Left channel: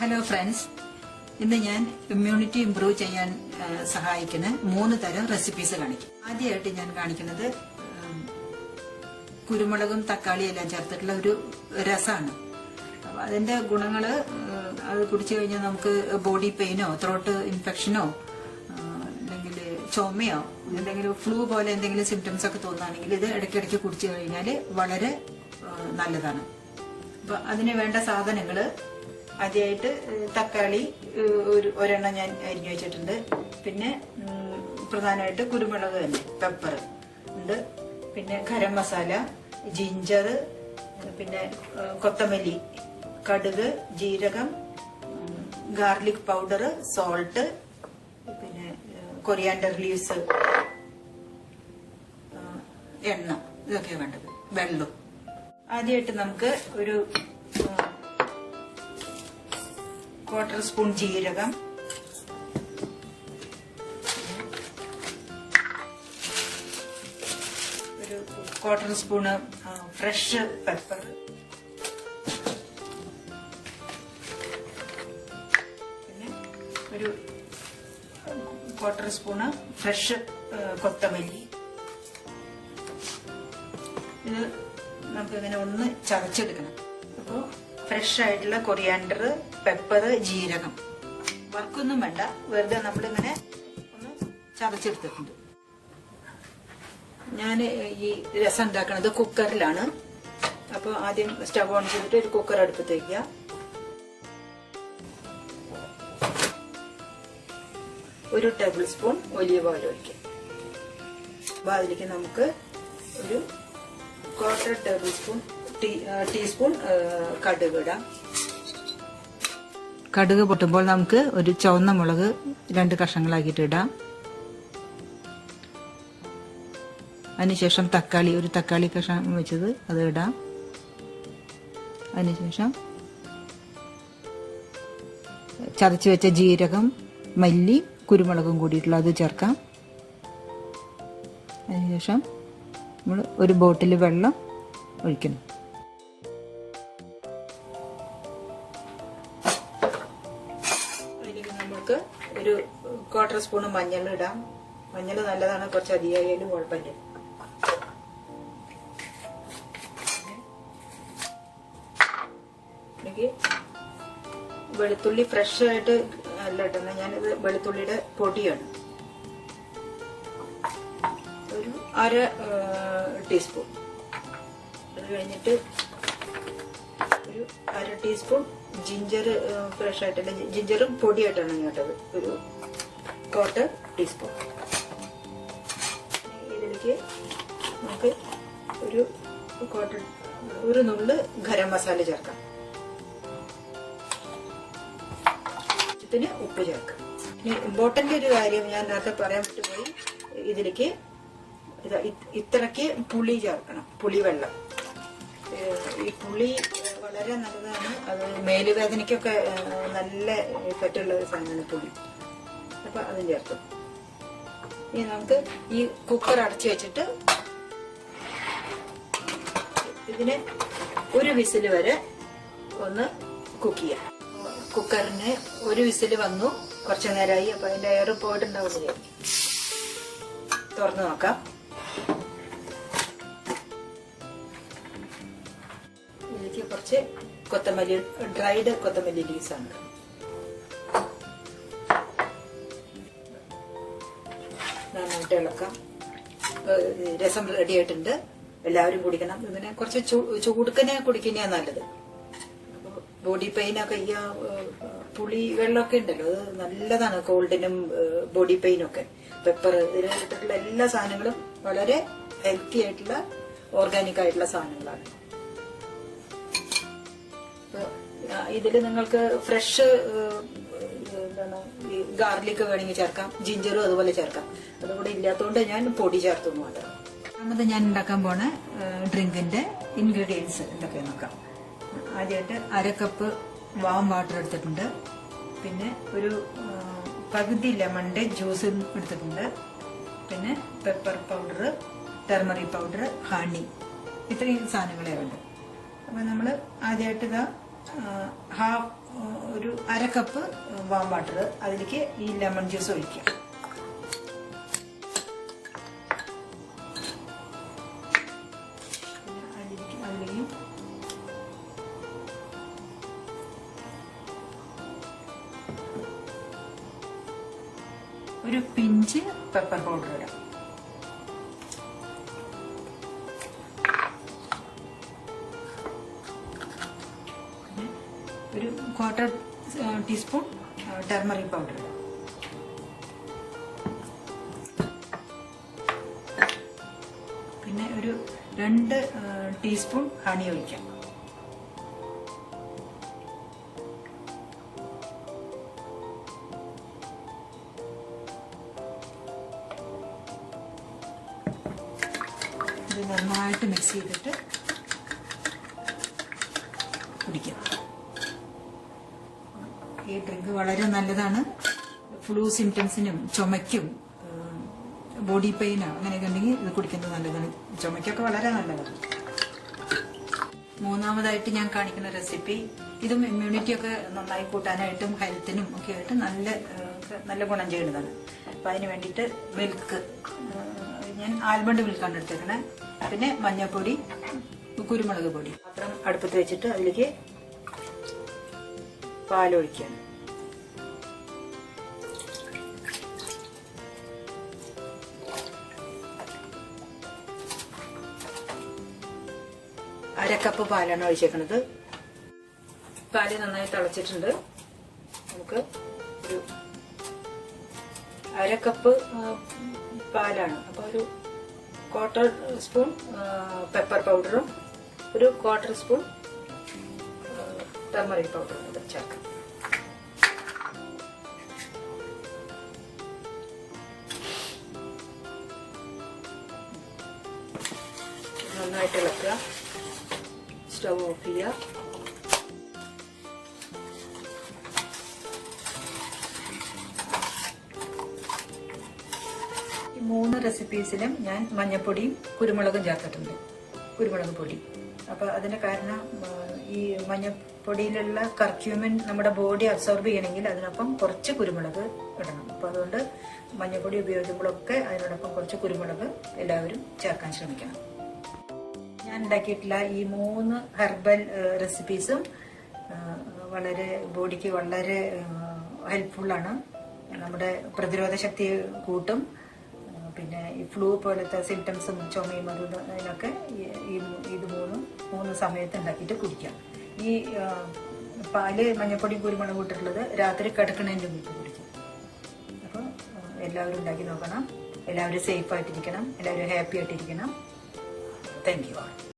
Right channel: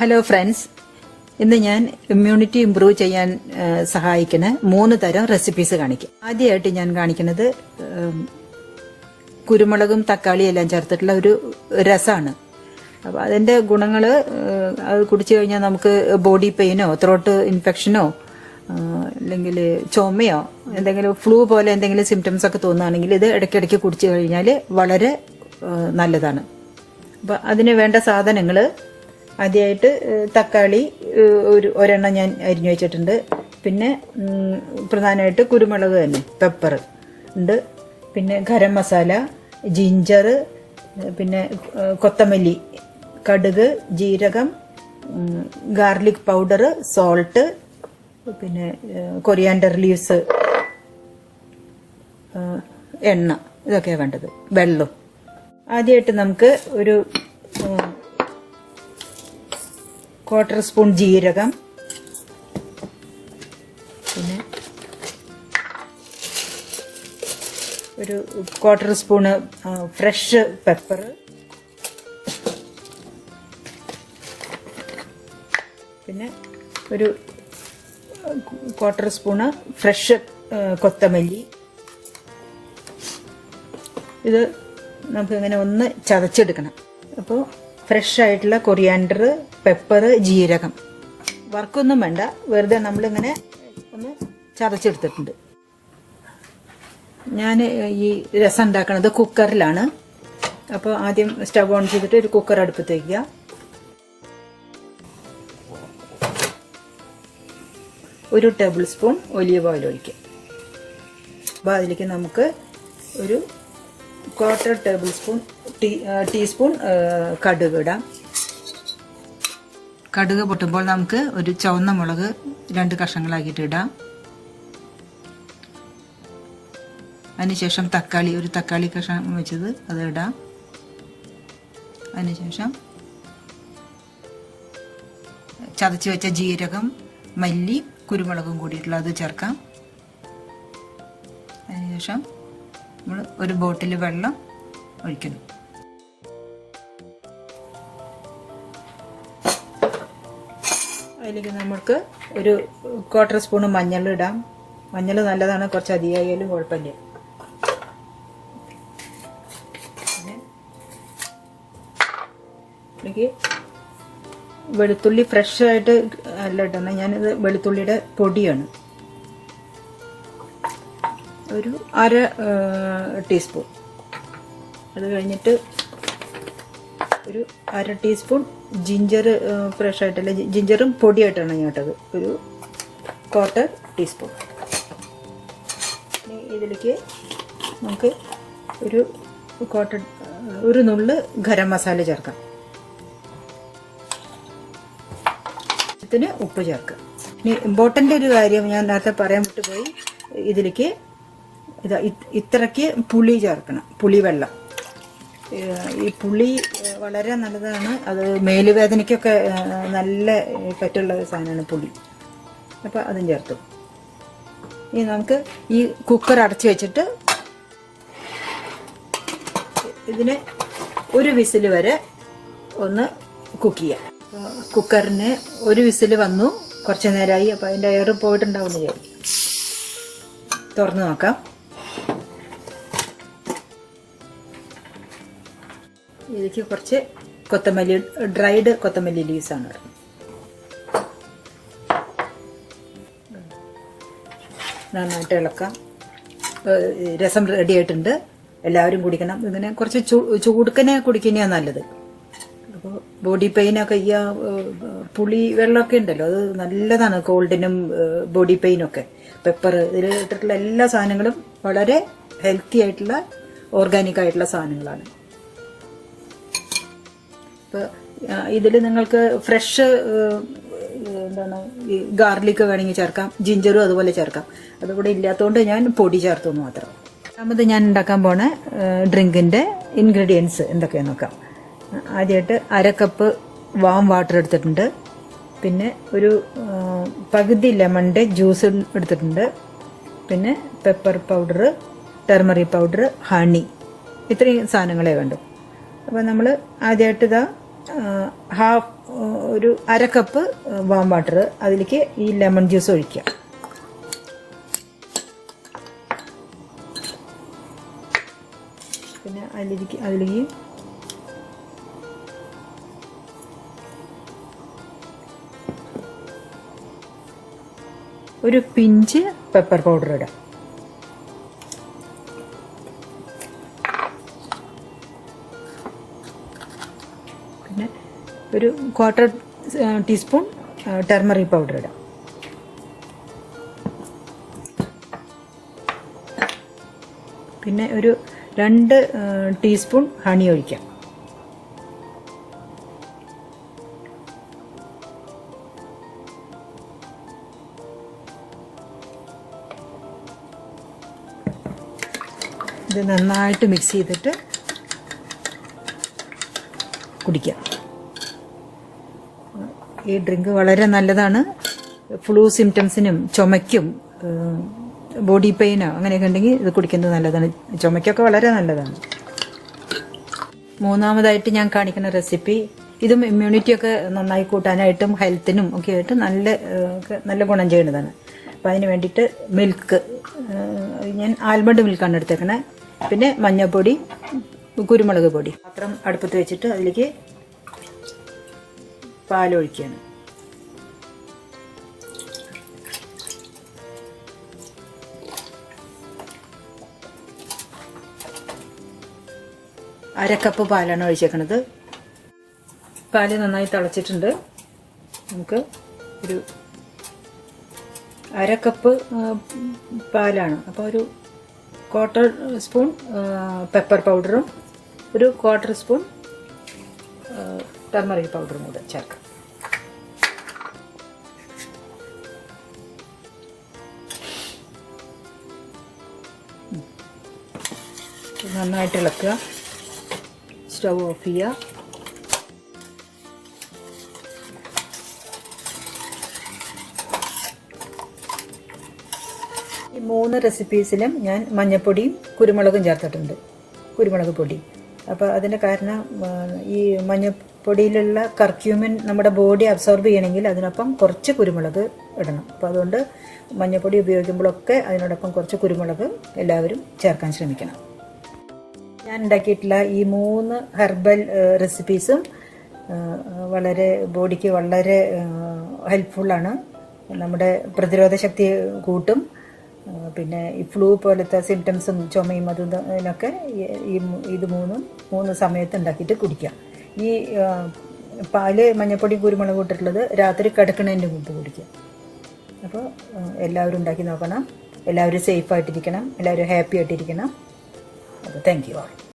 Hello friends, ഇന്ന് ഞാൻ immunity improve ചെയ്യാൻ സഹായിക്കുന്ന 3 തരം റെസിപ്പീസ് കാണിക്കും. ആദ്യമായിട്ട് ഞാൻ കാണിക്കുന്നത് കുരുമുളകും തക്കാളിയും എല്ലാം ചേർത്തിട്ടുള്ള ഒരു രസമാണ്. അപ്പോൾ അതിൻ്റെ ഗുണങ്ങൾ അത് കുടിച്ചു കഴിഞ്ഞാൽ നമുക്ക് ബോഡി പെയിനോ ത്രോട്ട് ഇൻഫെക്ഷനോ അല്ലെങ്കിൽ ചുമയോ എന്തെങ്കിലും ഫ്ലൂ പോലെ എന്തെങ്കിലും സിംറ്റംസ് ഒക്കെ തോന്നുകയാണെങ്കിൽ ഇത് ഇടയ്ക്കിടയ്ക്ക് കുടിച്ചു കഴിഞ്ഞാൽ വളരെ നല്ലതാണ്. അപ്പം അതിന് വേണ്ട സാധനങ്ങൾ ആദ്യമായിട്ട് തക്കാളി ഒരെണ്ണം ഞാൻ അരിഞ്ഞു വെച്ചിട്ടുണ്ട്. പിന്നെ പ്രധാനമായിട്ട് കുരുമുളക് തന്നെ, പെപ്പർ ഉണ്ട്. പിന്നെ ഗരം മസാല, ജിഞ്ചർ, പിന്നെ കൊത്തമല്ലി, കടുക്, ജീരകം, ഗാർലിക് പൗഡർ, സോൾട്ട്, പിന്നെ കൊറിയാണ്ടർ ലീവ്സ്, എണ്ണ, ഇതൊക്കെയാണ് വേണ്ടത്. വെള്ളം. ആദ്യമായിട്ട് നമുക്ക് ഒരു 1/4 സ്പൂൺ ജീരകം, പിന്നെ ഒരു 1/4 സ്പൂണ് ഫ്രഷ് പെപ്പർ, പിന്നെ ഒരു 1/4 സ്പൂണ് ഫ്രഷ് കൊത്തമല്ലി. ഇത് നമുക്കിങ്ങനെ ഒന്ന് ചതച്ചെടുക്കണം. അപ്പോൾ ഫ്രഷ് ആയിട്ടുള്ള കൊറിയാണ്ടർ, പെപ്പർ, ജീരകം വറുക്കൊന്നും വേണ്ട, വെറുതെ നമ്മളിങ്ങനെ ഒന്ന് ചതച്ചെടുത്തിട്ടുണ്ട്. ഞാൻ ഈ രസം ഉണ്ടാക്കുന്നത് കുക്കറിലാണ്. അപ്പോൾ ആദ്യം സ്റ്റവ് ഓൺ ചെയ്തിട്ട് ഒരു കുക്കർ അടുപ്പത്ത് വയ്ക്കുക. ഒരു ടേബിൾ സ്പൂൺ ഒലിവ് ഓയിൽ ഒഴിക്കുക. അപ്പോൾ അതിലേക്ക് നമുക്ക് ഒരു 1/4 ടേബിൾ സ്പൂൺ ടീസ്പൂൺ കടുക് ഇടാം. കടുക് പൊട്ടുമ്പോൾ നമുക്ക് ഒരു ചുവന്ന മുളക് 2 കഷ്ണങ്ങളാക്കിയിട്ട് ഇടാം. അതിനുശേഷം ഒരു തക്കാളി കഷ്ണം വെച്ചത് അത് ഇടാം. അതിനുശേഷം ചതച്ച് വെച്ച ജീരകം, മല്ലി, കുരുമുളകും കൂടിയിട്ടുള്ള അത് ചേർക്കാം. അതിനുശേഷം നമ്മൾ ഒരു ബോട്ടിൽ വെള്ളം ഒഴിക്കണം. അതിലേക്ക് നമുക്ക് ഒരു 1/4 സ്പൂണ് മഞ്ഞൾ ഇടാം. മഞ്ഞൾ നല്ലതാണ്, കുറച്ച് അധികമായാലും കുഴപ്പമില്ല. ഇതിലേക്ക് വെളുത്തുള്ളി ഫ്രഷ് ആയിട്ട് അല്ല ഇടണം, ഞാനിത് വെളുത്തുള്ളിയുടെ പൊടിയാണ്, ഒരു 1/2 ടീസ്പൂൺ. അത് കഴിഞ്ഞിട്ട് ഒരു 1/2 ടീസ്പൂൺ ജിഞ്ചർ, ഫ്രഷ് ആയിട്ടല്ല, ജിഞ്ചറും പൊടിയായിട്ടാണ് ഞാൻ ഇട്ടത്, ഒരു 1/4 ടീസ്പൂൺ. ഇതിലേക്ക് നമുക്ക് ഒരു നുള്ള് ഗരം മസാല ചേർക്കാം. ഇതിന് ഉപ്പ് ചേർക്കാം. ഇനി ഇമ്പോർട്ടൻ്റ് ഒരു കാര്യം ഞാൻ നേരത്തെ പറയാൻ വിട്ടുപോയി, ഇതിലേക്ക് ഇത്രയ്ക്ക് പുളി ചേർക്കണം, പുളിവെള്ളം. ഈ പുളി വളരെ നല്ലതാണ്, അത് മേലുവേദനയ്ക്കൊക്കെ നല്ല പറ്റുള്ള സാധനമാണ് പുളി. അപ്പോൾ അതും ചേർത്തു. ഇനി നമുക്ക് ഈ കുക്കർ അടച്ചു വെച്ചിട്ട് ഇതിന് ഒരു വിസിൽ വരെ ഒന്ന് കുക്ക് ചെയ്യാം. കുക്കറിന് ഒരു വിസിൽ വന്നു, കുറച്ച് നേരമായി. അപ്പോൾ അതിൻ്റെ എയർ പോയിട്ടുണ്ടാവുമെന്ന് വിചാരിക്കും. തുറന്ന് നോക്കാം. ഇതിലേക്ക് കുറച്ച് കൊത്തമല്ലി, ഡ്രൈഡ് കൊത്തമല്ലി ലീവ്സ് ആണ്. നന്നായിട്ട് ഇളക്കാം. രസം റെഡി ആയിട്ടുണ്ട്. എല്ലാവരും കുടിക്കണം. ഇതിനെ കുറച്ച് ചൂടുക്കനെ കുടിക്കുന്നതാണ് നല്ലത്. അപ്പോൾ ബോഡി പെയിനൊക്കെ, ഈ പുളി വെള്ളമൊക്കെ ഉണ്ടല്ലോ, അത് നല്ലതാണ് കോൾഡിനും ബോഡി പെയിനൊക്കെ. പെപ്പർ, ഇതിൽ ഇട്ടിട്ടുള്ള എല്ലാ സാധനങ്ങളും വളരെ ഹെൽത്തി ആയിട്ടുള്ള ഓർഗാനിക് ആയിട്ടുള്ള സാധനങ്ങളാണ്. ഇതിൽ നിങ്ങൾക്ക് ഫ്രഷ് എന്താണ് ഈ ഗാർലിക് വേണമെങ്കിൽ ചേർക്കാം, ജിഞ്ചറും അതുപോലെ ചേർക്കാം. അതുകൂടെ ഇല്ലാത്തതുകൊണ്ട് ഞാൻ പൊടി ചേർത്തു മാത്രം. രണ്ടാമത് ഞാൻ ഉണ്ടാക്കാൻ പോണ ഡ്രിങ്കിൻ്റെ ഇൻഗ്രീഡിയൻസ് എന്തൊക്കെയാണെന്ന് നോക്കാം. ആദ്യമായിട്ട് 1/2 കപ്പ് വാം വാട്ടർ എടുത്തിട്ടുണ്ട്. പിന്നെ ഒരു പകുതി ലെമണിൻ്റെ ജ്യൂസ് എടുത്തിട്ടുണ്ട്. പിന്നെ pepper powder, turmeric powder, honey, ഇത്രയും സാധനങ്ങളെ വേണ്ടു. അപ്പോൾ നമ്മൾ ആദ്യമായിട്ട് ഇതാ ഒരു 1/2 കപ്പ് വാം വാട്ടർ, അതിലേക്ക് ഈ ലെമൺ ജ്യൂസ് ഒഴിക്കുക. പിന്നെ അതിലേക്ക് ഒരു പിഞ്ച് പെപ്പർ പൗഡർ ഇടാം. പിന്നെ ഒരു 1/4 ടീസ്പൂൺ ടർമറിക് പൗഡർ ഇടാം. പിന്നെ ഒരു 2 ടീസ്പൂൺ ഹണി ഒഴിക്കാം. ഇത് നന്നായിട്ട് മിക്സ് ചെയ്തിട്ട് കുടിക്കാം. ഈ ഡ്രിങ്ക് വളരെ നല്ലതാണ്. ഫ്ലൂ സിംറ്റംസിനും ചുമയ്ക്കും ബോഡി പെയിനോ അങ്ങനെയൊക്കെ ഉണ്ടെങ്കിൽ ഇത് കുടിക്കുന്നത് നല്ലതാണ്. ചുമയ്ക്കൊക്കെ വളരെ നല്ലതാണ്. മൂന്നാമതായിട്ട് ഞാൻ കാണിക്കുന്ന റെസിപ്പി, ഇതും ഇമ്മ്യൂണിറ്റിയൊക്കെ നന്നായി കൂട്ടാനായിട്ടും ഹെൽത്തിനും ഒക്കെ ആയിട്ട് നല്ല ഗുണം ചെയ്യുന്നതാണ്. അപ്പോൾ അതിന് വേണ്ടിയിട്ട് മിൽക്ക്, ഞാൻ ആൽമണ്ട് മിൽക്കാണ് എടുത്തേക്കണേ. പിന്നെ മഞ്ഞൾപ്പൊടി, കുരുമുളക് പൊടി. പാത്രം അടുപ്പത്ത് വെച്ചിട്ട് അതിലേക്ക് പാലൊഴിക്കുകയാണ്. അരക്കപ്പ് പാലാണ് ഒഴിച്ചേക്കണത്. പാല് നന്നായി തിളച്ചിട്ടുണ്ട്. നമുക്ക് ഒരു 1/2 കപ്പ് പാലാണ്. അപ്പോൾ ഒരു 1/4 സ്പൂൺ പെപ്പർ പൗഡറും ഒരു 1/4 സ്പൂൺ ടർമറിക് പൗഡറും കൂടെ ചേർക്കാം. നന്നായിട്ട് ഇളക്കുക. സ്റ്റവ് ഓഫ് ചെയ്യുക. ഈ 3 റെസിപ്പീസിലും ഞാൻ മഞ്ഞൾപ്പൊടിയും കുരുമുളകും ചേർത്തിട്ടുണ്ട്, കുരുമുളക് പൊടി. അപ്പോൾ അതിന് കാരണം ഈ മഞ്ഞൾപ്പൊടിയിലുള്ള കർക്യൂമിൻ നമ്മുടെ ബോഡി അബ്സോർബ് ചെയ്യണമെങ്കിൽ അതിനൊപ്പം കുറച്ച് കുരുമുളക് ഇടണം. അപ്പോൾ അതുകൊണ്ട് മഞ്ഞൾപ്പൊടി ഉപയോഗിക്കുമ്പോഴൊക്കെ അതിനോടൊപ്പം കുറച്ച് കുരുമുളക് എല്ലാവരും ചേർക്കാൻ ശ്രമിക്കണം. ഞാൻ ഉണ്ടാക്കിയിട്ടുള്ള ഈ 3 ഹെർബൽ റെസിപ്പീസും വളരെ ബോഡിക്ക് വളരെ ഹെൽപ്ഫുള്ളാണ്. നമ്മുടെ പ്രതിരോധ ശക്തി കൂട്ടും. പിന്നെ ഈ ഫ്ലൂ പോലത്തെ സിംറ്റംസും ചുമയും അതിനൊക്കെ ഇത് മൂന്ന് സമയത്ത് ഉണ്ടാക്കിയിട്ട് കുടിക്കാം. ഈ പാല് മഞ്ഞൾപ്പൊടി കുരുമുളക് ഇട്ടിട്ടുള്ളത് രാത്രി കിടക്കുന്നതിൻ്റെ മുമ്പ് കുടിക്കാം. അപ്പോൾ എല്ലാവരും ഉണ്ടാക്കി നോക്കണം. എല്ലാവരും സേഫായിട്ടിരിക്കണം. എല്ലാവരും ഹാപ്പി ആയിട്ടിരിക്കണം. അപ്പോൾ താങ്ക് യു.